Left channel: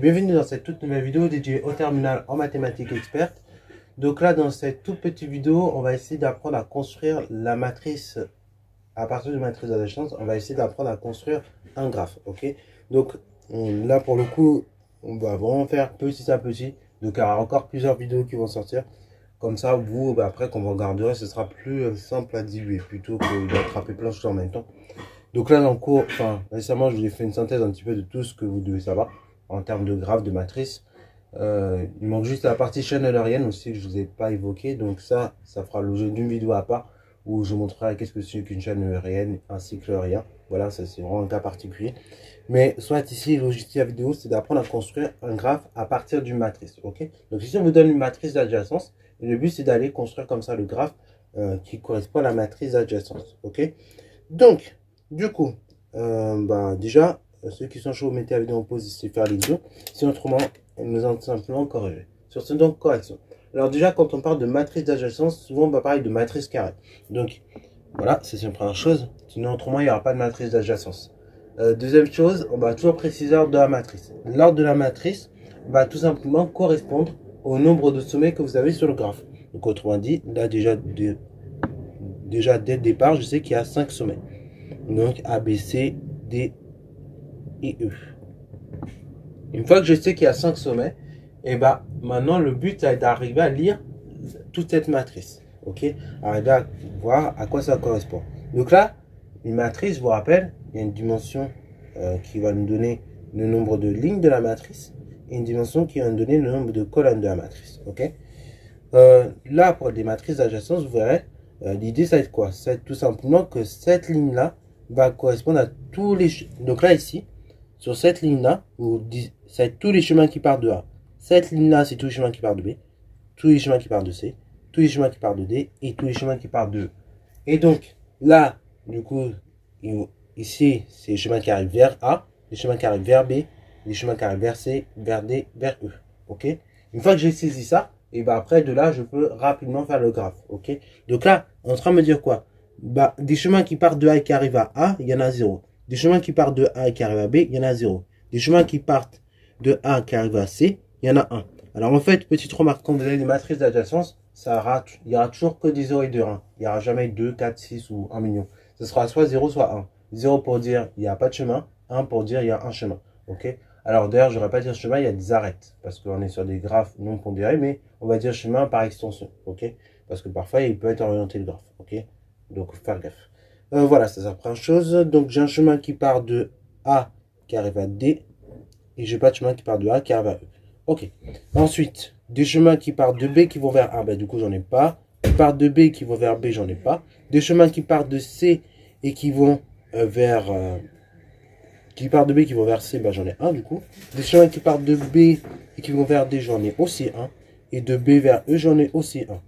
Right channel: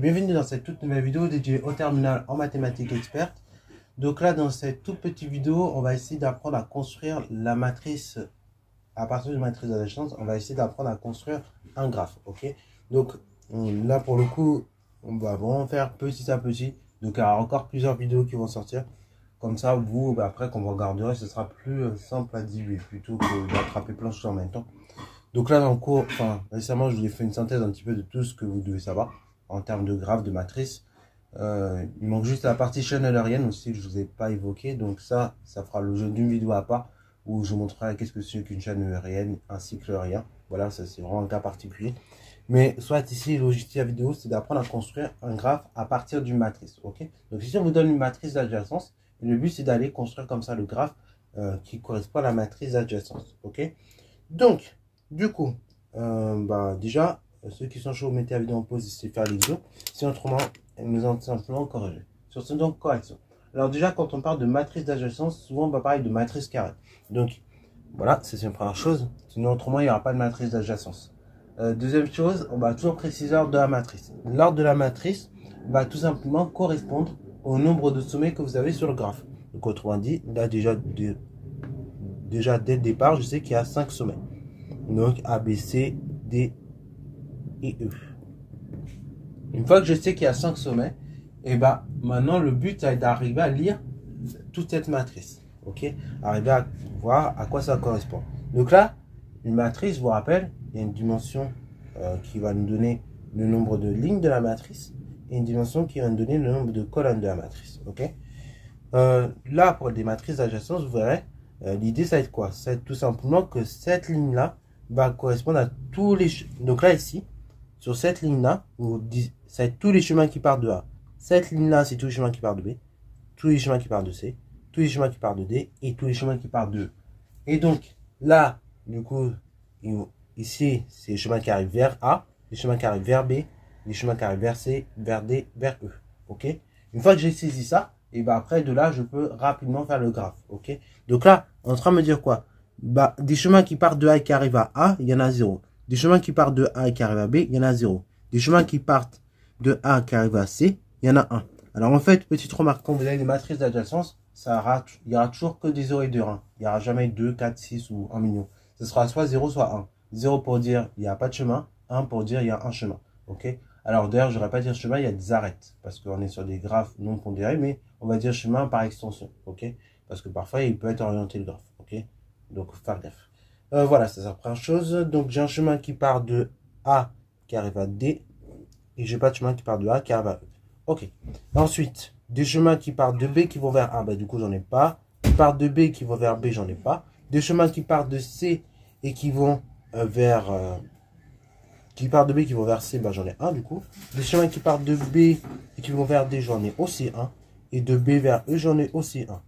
et bienvenue dans cette toute nouvelle vidéo dédiée au terminal en mathématiques experte. Donc là, dans cette toute petite vidéo, on va essayer d'apprendre à construire la matrice. À partir de matrice d'adjacence, on va essayer d'apprendre à construire un graphe, ok? Donc là, pour le coup, on va vraiment faire petit à petit. Donc il y aura encore plusieurs vidéos qui vont sortir. Comme ça, vous, après, quand vous regarderez, ce sera plus simple à diluer plutôt que d'attraper plein de choses en même temps. Donc là, dans le cours, récemment, je vous ai fait une synthèse un petit peu de tout ce que vous devez savoir en termes de graphe, de matrice. Il manque juste la partie chaîne eulérienne aussi que je ne vous ai pas évoqué. Donc ça fera l'objet d'une vidéo à part où je vous montrerai qu'est-ce que c'est qu'une chaîne eulérienne, un cycle eulerien. Voilà, ça c'est vraiment un cas particulier. Mais soit ici, l'objectif de la vidéo, c'est d'apprendre à construire un graphe à partir d'une matrice. Ok? Donc ici, on vous donne une matrice d'adjacence. Et le but, c'est d'aller construire comme ça le graphe qui correspond à la matrice d'adjacence. Ok? Donc, du coup, déjà, ceux qui sont chauds, mettez la vidéo en pause et faire l'exo. Si autrement, nous allons simplement corriger. Sur ce, donc, correction. Alors déjà, quand on parle de matrice d'adjacence, souvent on va parler de matrice carrée. Donc, voilà, c'est une première chose. Sinon, autrement, il n'y aura pas de matrice d'adjacence. Deuxième chose, on va toujours préciser l'ordre de la matrice. L'ordre de la matrice va tout simplement correspondre au nombre de sommets que vous avez sur le graphe. Donc, autrement dit, là, déjà dès le départ, je sais qu'il y a 5 sommets. Donc, A, B, C, D et E. Une fois que je sais qu'il y a 5 sommets, et maintenant, le but est d'arriver à lire toute cette matrice. Ok? Arriver à voir à quoi ça correspond. Donc là, une matrice, je vous rappelle, il y a une dimension qui va nous donner le nombre de lignes de la matrice et une dimension qui va nous donner le nombre de colonnes de la matrice. Ok? Là, pour des matrices d'adjacence, vous verrez, l'idée, ça va être quoi? Ça va être tout simplement que cette ligne-là va correspondre à tous les... Donc là, ici, sur cette ligne-là, ça va être tous les chemins qui partent de A. Cette ligne-là, c'est tous les chemins qui partent de B, tous les chemins qui partent de C, tous les chemins qui partent de D et tous les chemins qui partent de E. Et donc, là, du coup, ici, c'est les chemins qui arrivent vers A, les chemins qui arrivent vers B, les chemins qui arrivent vers C, vers D, vers E. Ok? Une fois que j'ai saisi ça, et après, de là, je peux rapidement faire le graphe. Ok? Donc là, on est en train de me dire quoi? Des chemins qui partent de A et qui arrivent à A, il y en a 0. Des chemins qui partent de A et qui arrivent à B, il y en a 0. Des chemins qui partent de A et qui arrivent à C, il y en a 1. Alors en fait, petite remarque, quand vous avez des matrices d'adjacence, il n'y aura toujours que des 0 et des 1. Il n'y aura jamais 2, 4, 6 ou 1 million. Ce sera soit 0, soit 1. 0 pour dire il n'y a pas de chemin, 1 pour dire il y a un chemin. Ok? Alors d'ailleurs, je n'aurais pas dire chemin, il y a des arêtes. Parce qu'on est sur des graphes non pondérés, mais on va dire chemin par extension. Ok? Parce que parfois, il peut être orienté le graphe. Ok? Donc, faire gaffe. Voilà, c'est la première chose. Donc, j'ai un chemin qui part de A qui arrive à D. Et j'ai pas de chemin qui part de A qui arrive à E. Ok. Ensuite, des chemins qui partent de B qui vont vers A. Du coup, j'en ai pas. Qui partent de B qui vont vers B, j'en ai pas. Des chemins qui partent de C et qui vont vers... qui partent de B qui vont vers C, j'en ai un du coup. Des chemins qui partent de B et qui vont vers D, j'en ai aussi un. Et de B vers E, j'en ai aussi un.